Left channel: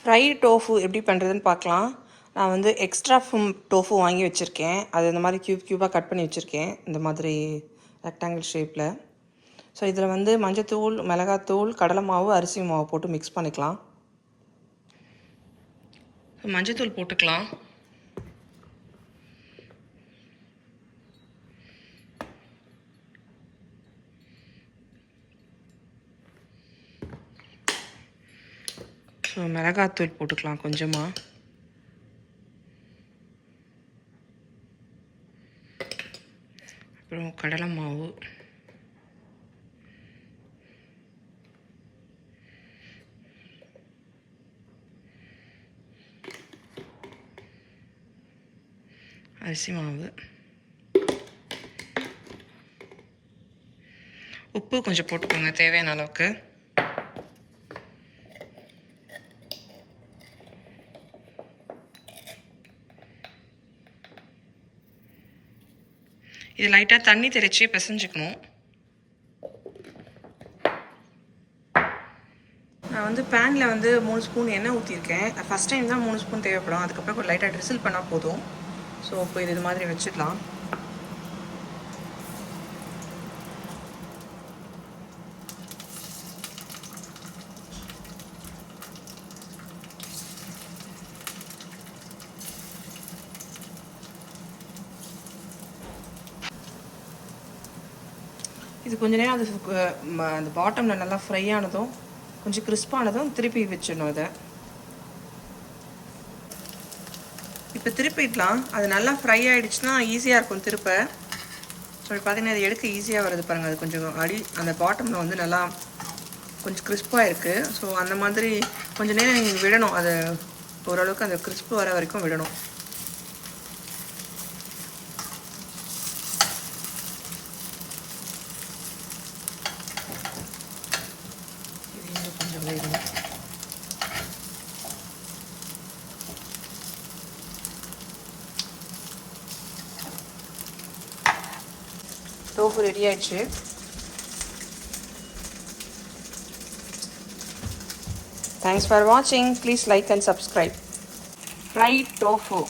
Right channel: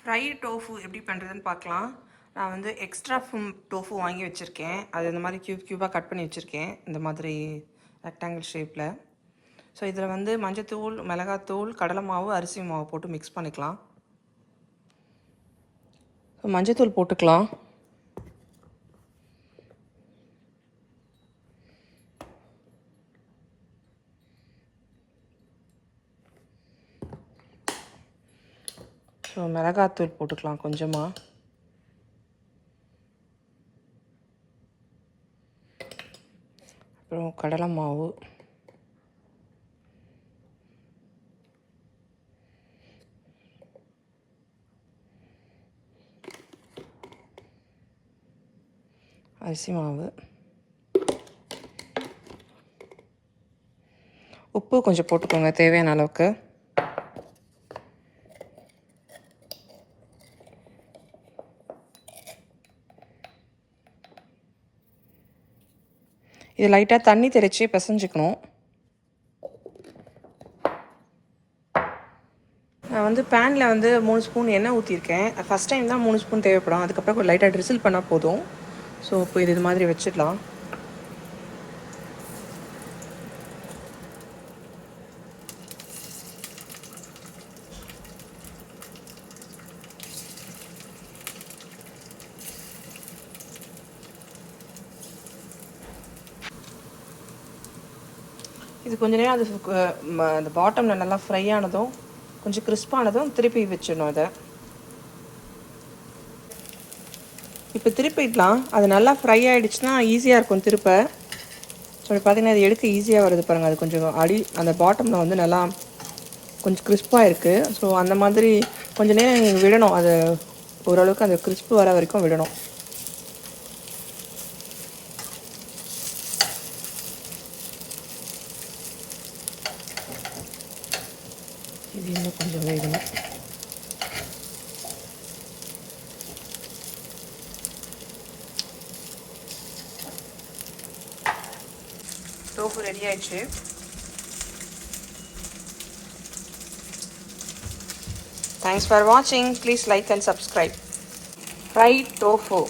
Fry tofu எப்படி பண்ணுறதுன்னு பார்க்கலாம். நான் வந்து எக்ஸ்ட்ரா டோஃபு வாங்கி வச்சுருக்கேன். அது இந்த மாதிரி க்யூபாக கட் பண்ணி வச்சுருக்கேன், இந்த மாதிரி ரெக்டாங்கிள் ஷேப்பில். ஸோ இதில் வந்து மஞ்சத்தூள், மிளகாத்தூள், கடலை மாவு, அரிசி மாவு போட்டு மிக்ஸ் பண்ணிக்கலாம். ஸோ மஞ்சத்தூள் போட்டுக்கலாம். ஸோ மிளகாத்தூள் போட்டுக்கலாம் கொஞ்சமாக. அப்புறம் கடலை மாவு, அரிசி மாவு, உப்பு கொஞ்சம் போட்டுக்கோங்க தேவையான அளவுக்கு. இது லைட்டாக தண்ணி தெளித்து பிசைஞ்சுக்கணும். நான் வந்து பேனில் வந்து 3 ஸ்பூன் எண்ணெய் ஊற்றிருக்கேன். ஃபஸ்ட் டைம் தான் 3 ஸ்பூன் தேவைப்படும். அதுக்கப்புறம் கொஞ்சம் லைட்டாக ட்ரிசில் பண்ணால் போதும். ஸோ இப்போ இது மாதிரி வச்சிடலாம். இது கொஞ்ச நேரம் அது அந்த பாட்டமில் நல்லா ஃப்ரை ஆனதும் கொஞ்சம் கிறிஸ்பானதும் திருப்பி வச்சிடணும். அதை இப்போ திருப்பிடலாம். அது நல்லா ஃப்ரை ஆகிடுச்சுன்னா ஈஸியாக இருக்கும் திருப்ப. அப்படி பார்த்தீங்கன்னா அது எடுக்க ஈஸியாக வருது பாருங்கள். அது கொஞ்சம் அந்த பாட்டமில் வந்து நல்லா கொஞ்சம் கிறிஸ்பாக இருக்குது. ஸோ அந்த மாதிரி கொஞ்சம் நேரம் நீங்கள் விடணும். அது ஓரளவுக்கு அந்த கிறிஸ்பு வர வரைக்கும் விடணும். கொஞ்சம் வேகணும். டோஃபு ரெடி ஆயிடுச்சு. Thanks for watching. Please like and subscribe. Fried tofu.